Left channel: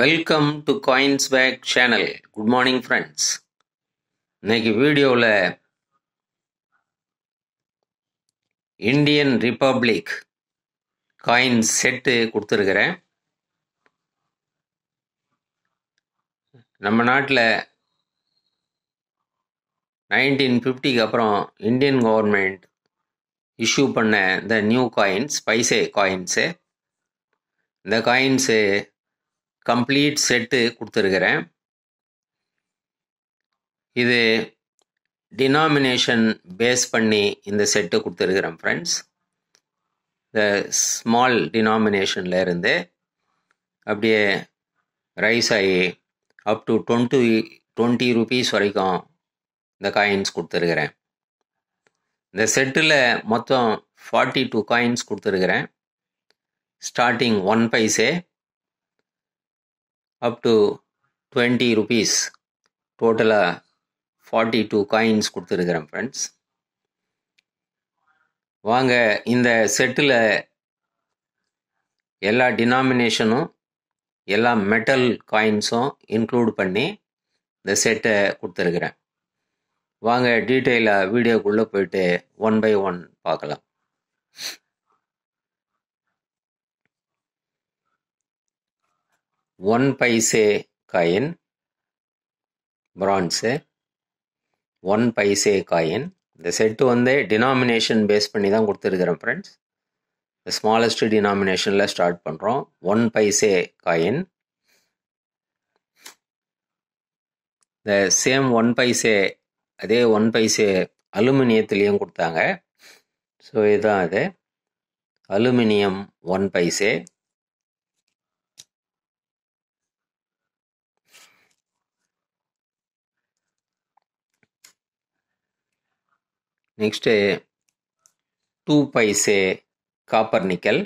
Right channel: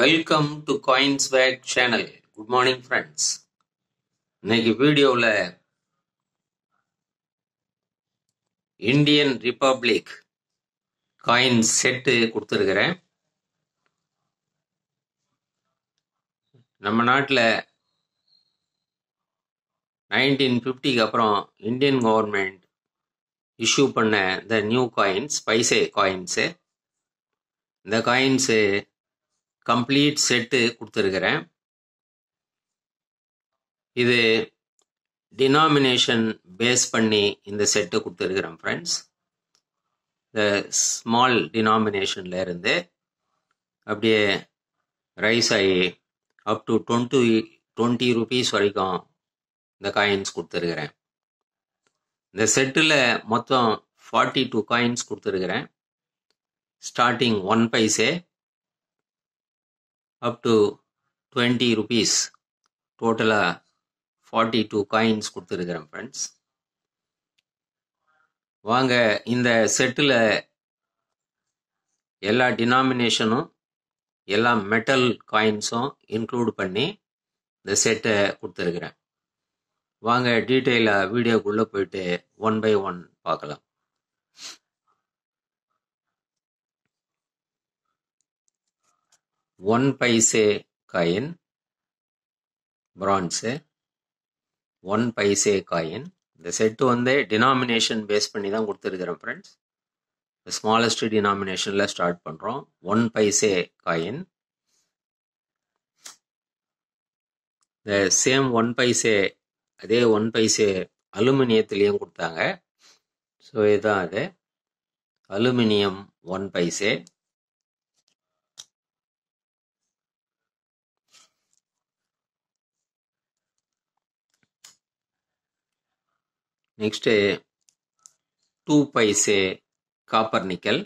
Welcome to coins pack channel. Good morning friends. இன்னைக்கு வீடியோவில் Indian republic coins set கொடுத்துருக்கிறேன். நம்ம நாட்டில் 1950க்கு அப்புறம் இந்தியன் கவர்மெண்ட் இஷ்யூ பண்ண இந்த நியூ காயின்ஸ், பைசே காயின்ஸு, இந்த காயின்ஸு கம்ப்ளீட் செட்டு கொடுத்துருக்கிறேன். இது டினாமினேஷன் பேஸ் பண்ணி இந்த செட்டு கொடுத்துருக்கிறேன் ஃப்ரெண்ட்ஸ். இந்த ஸ்மால் டினாமினேஷன்ல இருந்து அப்படியே ரைஸ் ஆகி அப் டு 20 rupees வரைக்கும் இந்த காயின்ஸ் கொடுத்துருக்கிறேன். இந்த செட்டில் மொத்தம் 42 காயின்ஸ் கொடுத்துருக்கிறேன். Starting 1 paise up to 20 rupees, டோட்டலாக 42 காயின்ஸ் கொடுத்துருக்கிறேன் ஃப்ரெண்ட்ஸ். வாங்க இந்த செட்டில் எல்லா டினாமினேஷனும் எல்லா மெட்டல் காயின்ஸும் இன்க்ளூட் பண்ணி இந்த செட்டை கொடுத்துருக்குறேன். வாங்க டீட்டெயிலாக வீடியோக்குள்ளே போயிட்டு 1 by 1 பார்க்கலாம். One paise coin bronze, 1 paise coin. இந்த செட்டு டினாமினேஷன் பேஸ் பண்ணி தான் கொடுத்துருக்குறேன் ஃப்ரெண்ட்ஸ். ஸ்மாலஸ்ட் டினாமினேஷனில் ஸ்டார்ட் பண்ணுறோம். 1 பைசே காயின். இந்த சேம் 1 பைசே, அதே 1 பைசே அலுமினியத்துலேயும் கொடுத்தாங்க. ஸோ இதுதான் அது, aluminium 1 paise. Next 2 paise copper nickel.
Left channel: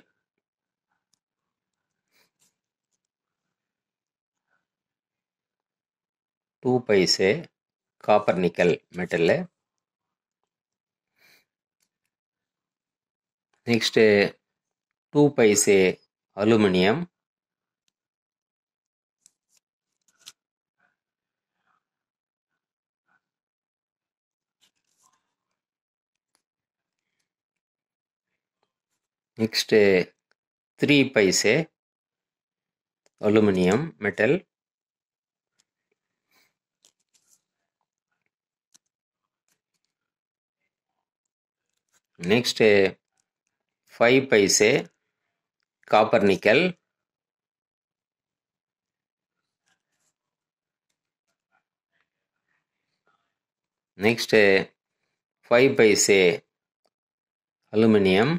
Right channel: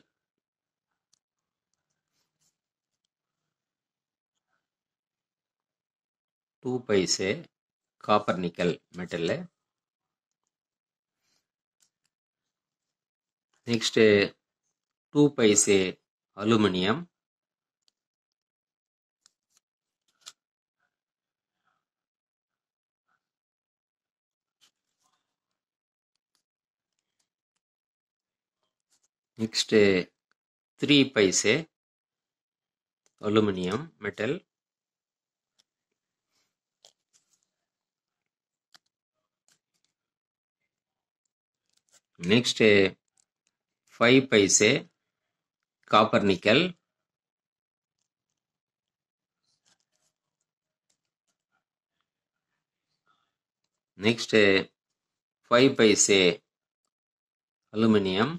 Two paise copper nickel metal. Next 2 paise aluminium. Next 3 paise aluminium metal. Next 5 paise copper nickel. Next 5 paise aluminium.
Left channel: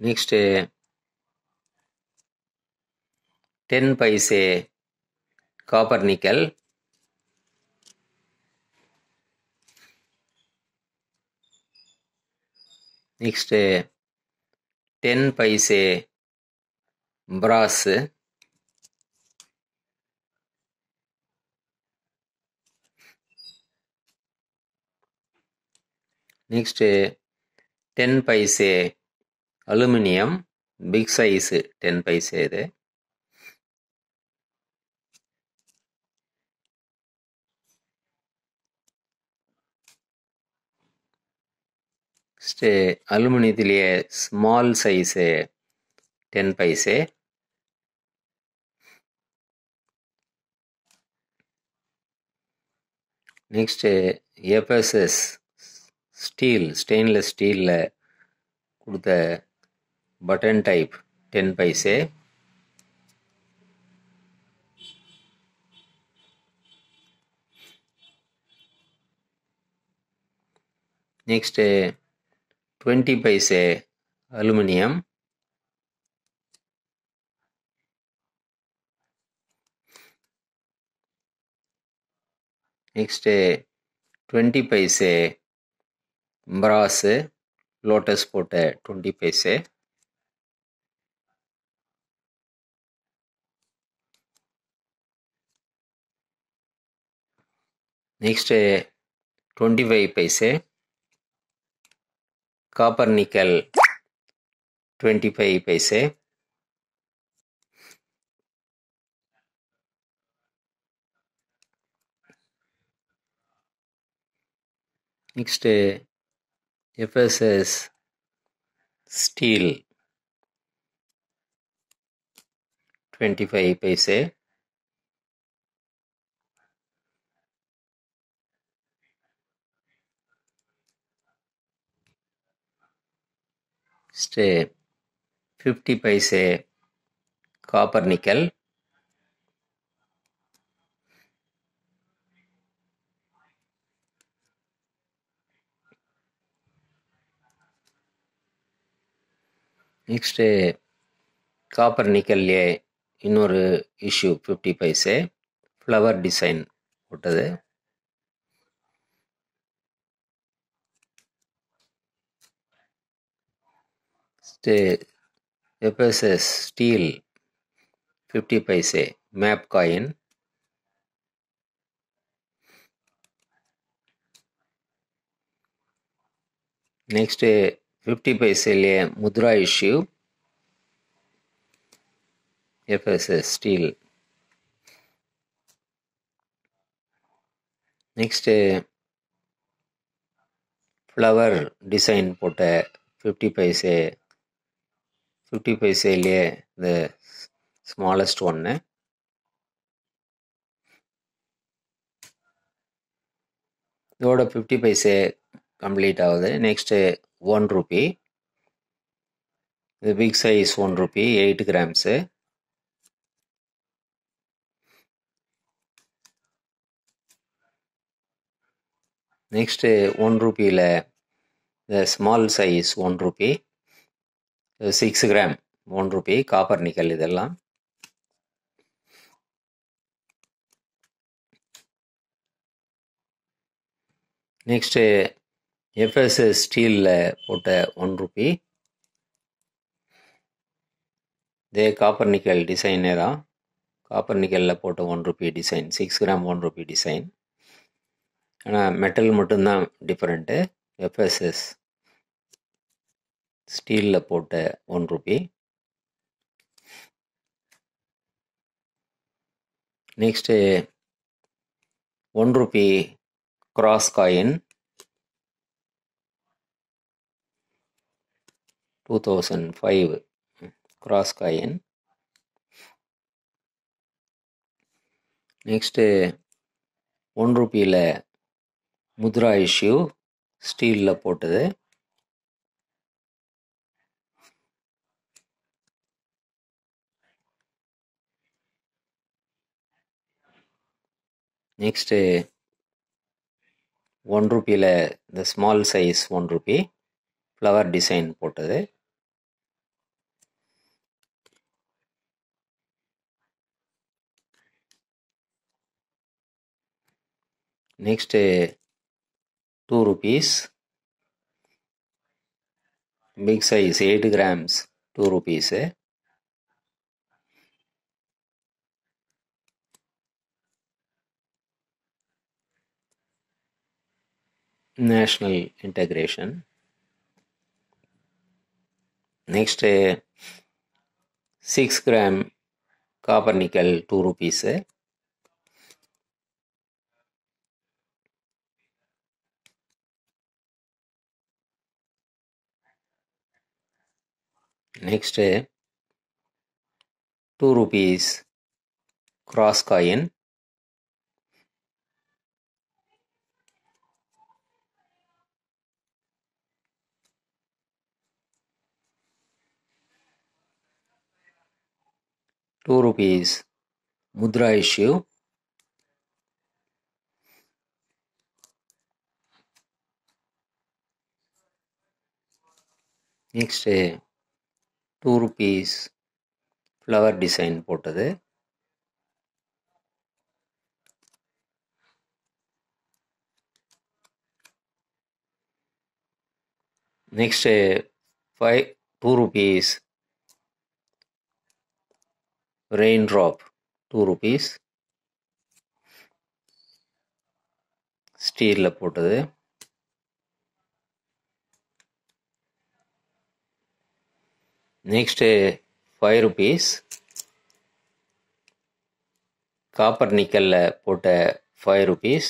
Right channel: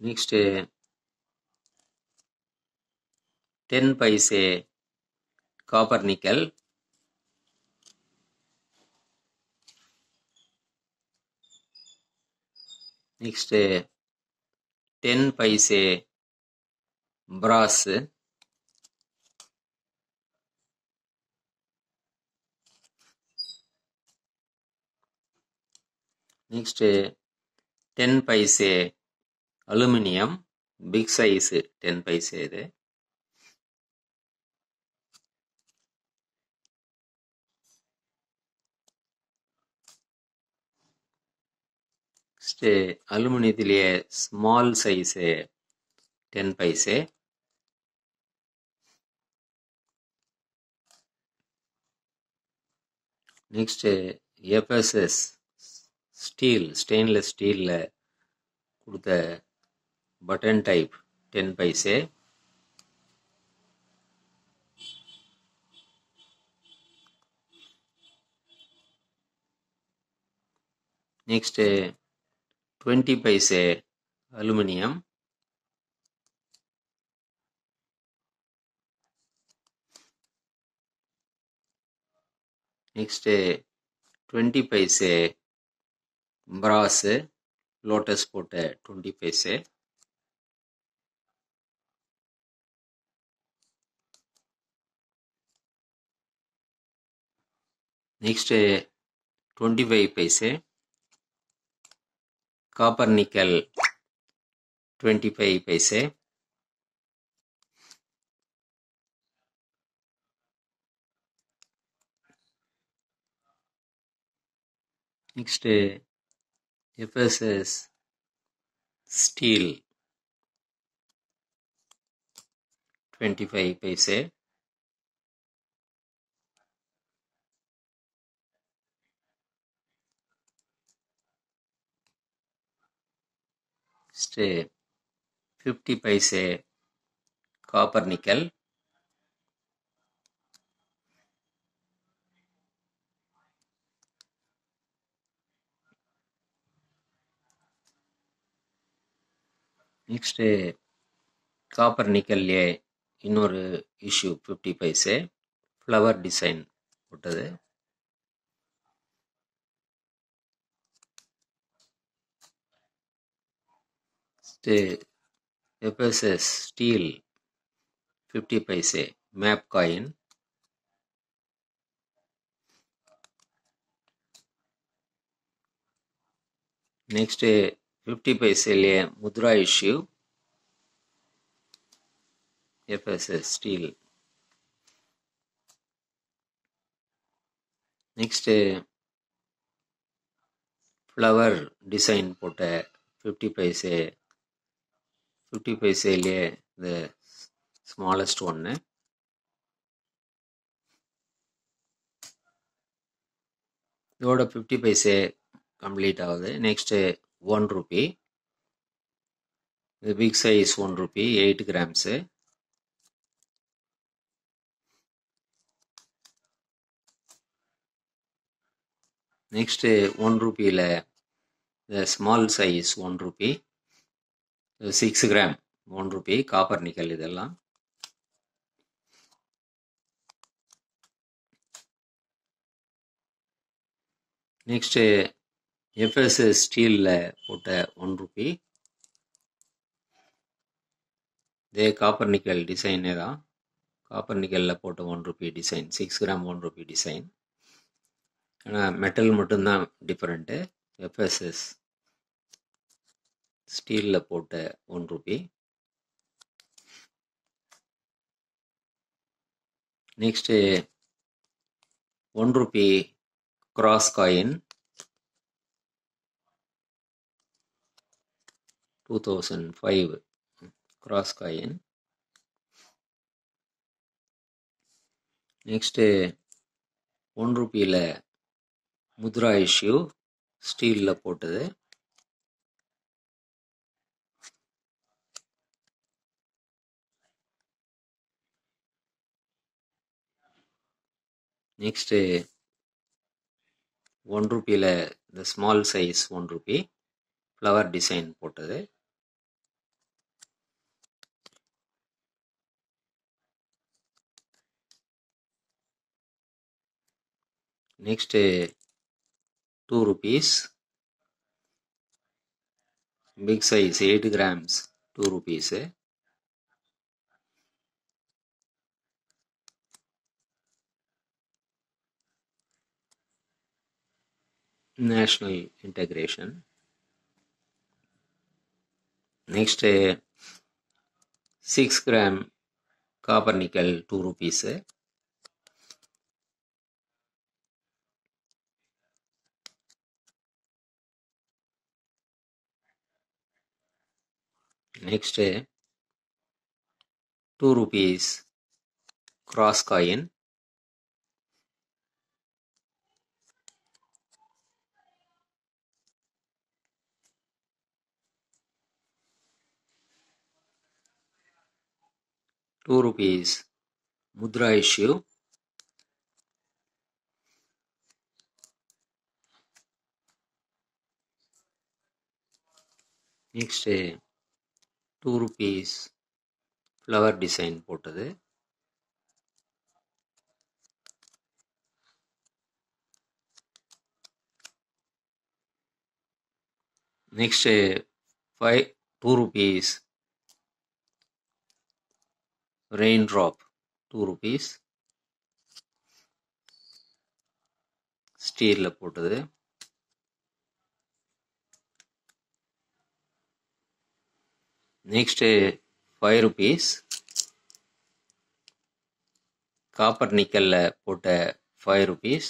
Next 10 paise copper nickel. Next 10 paise brass. Next 10 paise aluminium, big size 10 paise இது. Next அலுமினியத்திலேயே small size 10 paise. Next FSS steel, stainless ஸ்டீலில் கொடுத்த button type 10 paise. Next 20 paise aluminium. Next 20 paise brass, lotus போட்ட 20 paise. Next 25 paise. copper nickel 25 paise. Next FSS steel 25 paise. Next 50 paise copper nickel. Next copper nickel இன்னொரு issue 50 paise flower design போட்டது. FSS steel 50 paise map coin. Next 50 paise mudra issue FSS steel. Next flower design போட்ட 50 paise the smallest one. இதோட 50 paise complete ஆகுது. Next 1 rupee. The big size 1 rupee 8 grams. Next 1 rupee the small size 1 rupee 6 gram 1 rupee copper nickel இதெல்லாம். Next FSS steel போட்ட 1 rupee. இதே copper nickel designer copper nickel போட்ட 1 rupee design 6 gram 1 rupee design. ஆனால் metal மட்டும்தான் different. FSS ஸ்டீலில் போட்ட 1 rupee. Next 1 rupee cross coin 2005 cross coin. Next 1 rupeeல Mudra issue ஸ்டீலில் போட்டது. நெக்ஸ்ட்டு 1 rupeeல இந்த small size 1 rupee flower design போட்டது. Next 2 rupees big size 8 grams 2 rupees. National integration. Next 6 gram copper nickel 2 rupees. Next 2 rupees cross coin. ₹2 Mudra issue. Next 2 rupees flower design போட்டது. Next 2 rupees rain drop 2 rupees ஸ்டீலில் போட்டது. Next 5 rupees copper நிக்கலில் போட்ட 5 rupees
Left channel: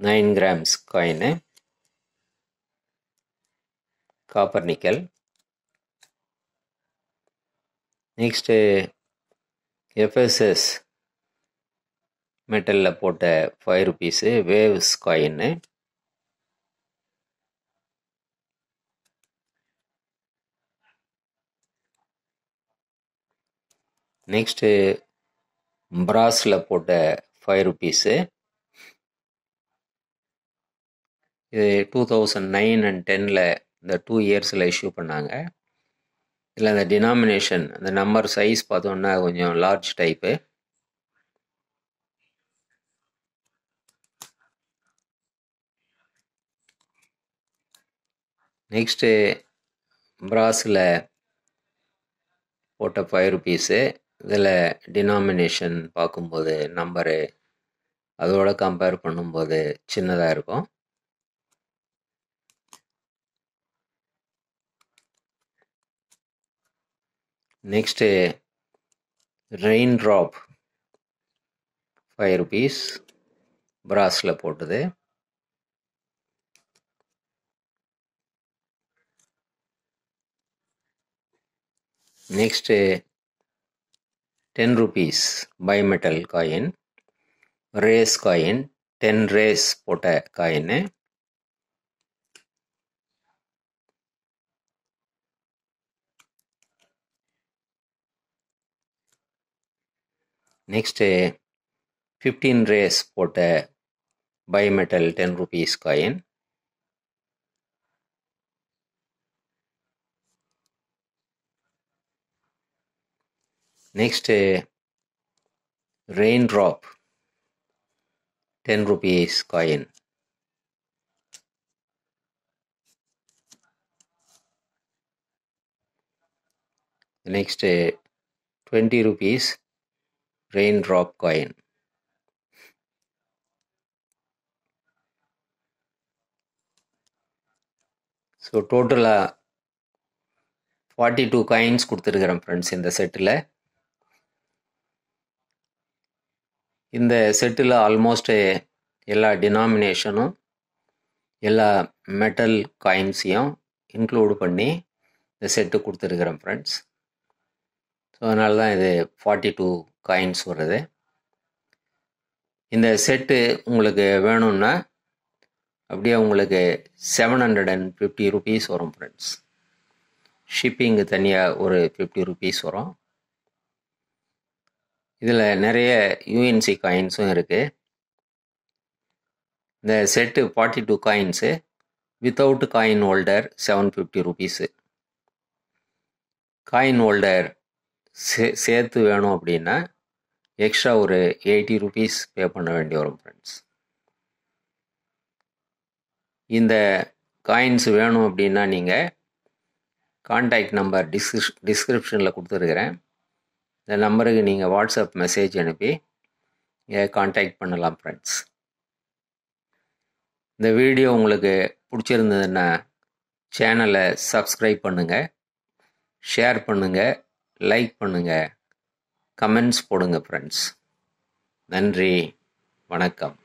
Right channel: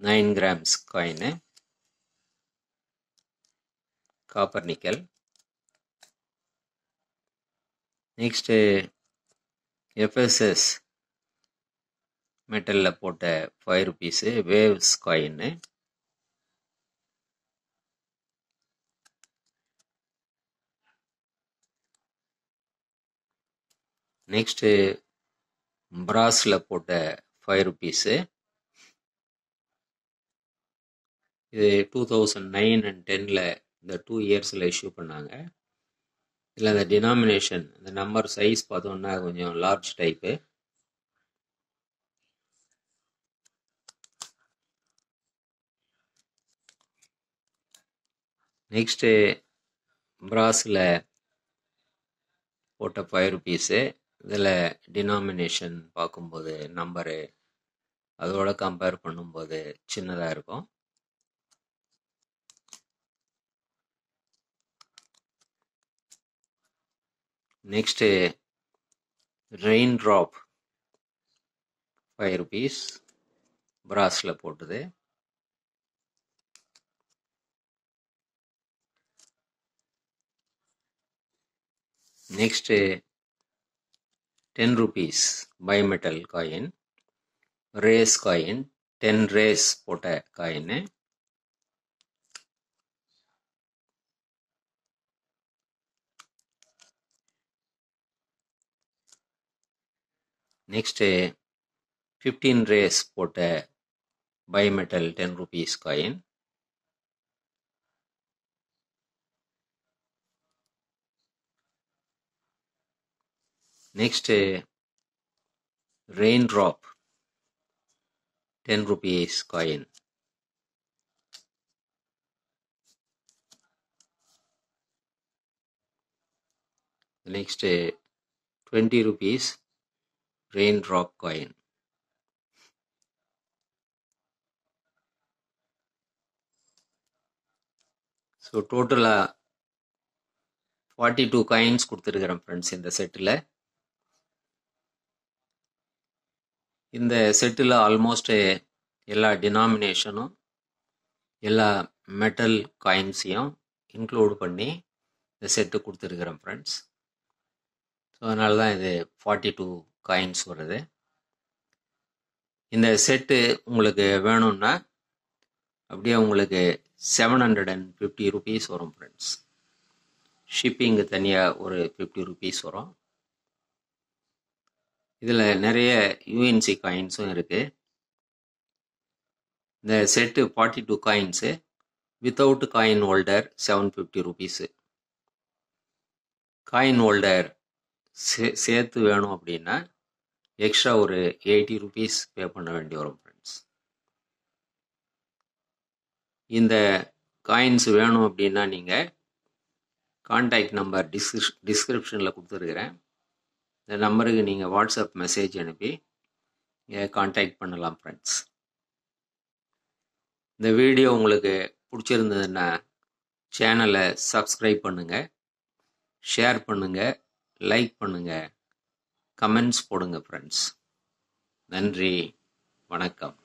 9 grams coin copper nickel. Next FSS மெட்டலில் போட்ட 5 rupees waves காயின்னு. Next பிராஸில் போட்ட 5 rupees. இது 2009 and 10 இந்த 2 yearsல இஷ்யூ பண்ணாங்க. இதில் அந்த டினாமினேஷன் அந்த நம்பர் சைஸ் பார்த்தோன்னா கொஞ்சம் லார்ஜ் டைப்பு. நெக்ஸ்ட்டு பிராஸில் போட்ட 5 rupees. இதில் டினாமினேஷன் பார்க்கும்போது நம்பரு அதோட கம்பேர் பண்ணும்போது சின்னதாக இருக்கும். நெக்ஸ்ட்டு ரெயின் ட்ராப் 5 rupees பிராஸில் போட்டது. Next 10 rupees bimetal coin race coin 10 race போட்ட காயின். நெக்ஸ்ட்டு 15 ரேஸ் போட்ட bimetal 10 rupees coin. Next rain drop 10 rupees coin. Next 20 rupees rain drop coin. So டோட்டலாக 42 coins கொடுத்துருக்குறேன் friends இந்த settle. இந்த settle almost எல்லா டினாமினேஷனும் எல்லா metal காயின்ஸையும் include பண்ணி இந்த செட்டு கொடுத்துருக்குறேன் ஃப்ரெண்ட்ஸ். ஸோ அதனால தான் இது 42 காயின்ஸ் வருது. இந்த செட்டு உங்களுக்கு வேணும்னா அப்படியே உங்களுக்கு 750 rupees வரும் ஃப்ரெண்ட்ஸ். ஷிப்பிங்கு தனியாக ஒரு 50 rupees வரும். இதில் நிறைய யூஎன்சி காயின்ஸும் இருக்குது. இந்த set 42 coins without coin holder 750 rupees. Coin holder சேர்த்து வேணும் அப்படின்னா எக்ஸ்ட்ரா ஒரு 80 rupees பே பண்ண வேண்டி வரும் ஃப்ரெண்ட்ஸ். இந்த காயின்ஸ் வேணும் அப்படின்னா நீங்கள் கான்டாக்ட் நம்பர் டிஸ்கிரிப்ஷனில் கொடுத்துருக்குறேன். இந்த நம்பருக்கு நீங்கள் வாட்ஸ்அப் மெசேஜ் அனுப்பி கான்டாக்ட் பண்ணலாம் ஃப்ரெண்ட்ஸ். இந்த வீடியோ உங்களுக்கு பிடிச்சிருந்ததுன்னா சேனலை சப்ஸ்கிரைப் பண்ணுங்கள், ஷேர் பண்ணுங்கள், லைக் பண்ணுங்கள், கமெண்ட்ஸ் போடுங்க ஃப்ரெண்ட்ஸ். நன்றி, வணக்கம்.